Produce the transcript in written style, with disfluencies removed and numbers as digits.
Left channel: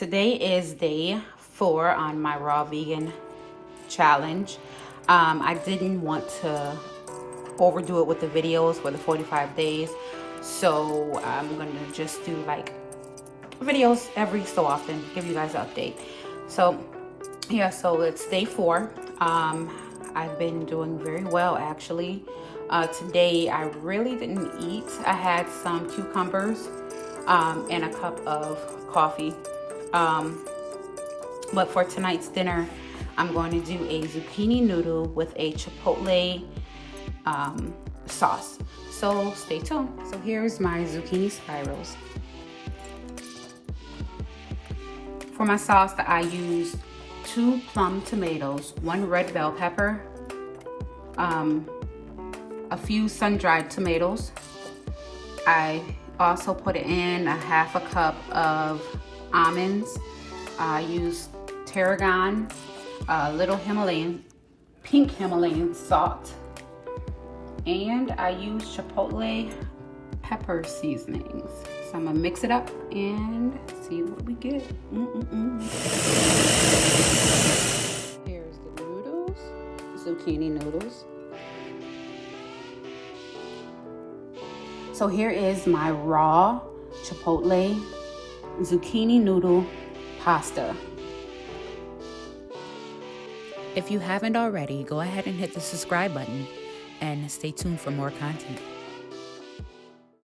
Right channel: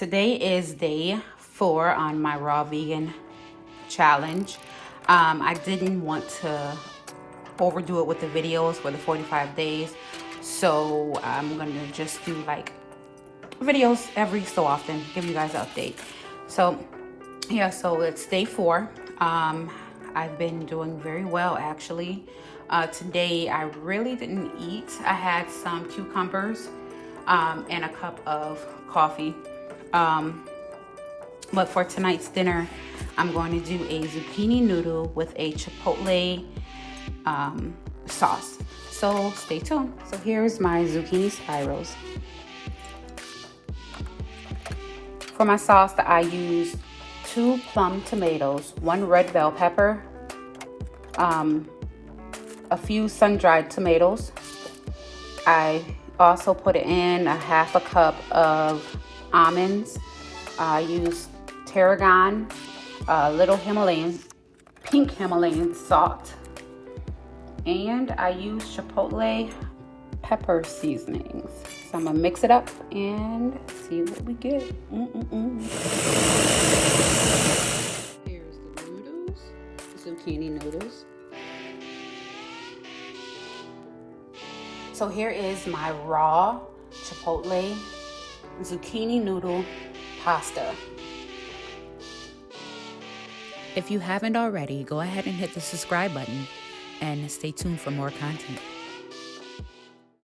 Today is day 4 on my raw vegan challenge. I didn't want to overdo it with the videos for the 45 days. So I'm going to just do like videos every so often, give you guys an update. So yeah, so it's day 4. I've been doing very well actually. Today I really didn't eat. I had some cucumbers and a cup of coffee. But for tonight's dinner, I'm going to do a zucchini noodle with a chipotle sauce. So stay tuned. So here's my zucchini spirals. For my sauce, I use 2 plum tomatoes, 1 red bell pepper, a few sun-dried tomatoes. I also put in a half a cup of almonds. I use tarragon, a little pink Himalayan salt, and I use chipotle pepper seasonings. So I'm gonna mix it up and see what we get. Here's the noodles, zucchini noodles. So here is my raw chipotle zucchini noodle pasta. If you haven't already, go ahead and hit the subscribe button and stay tuned for more content.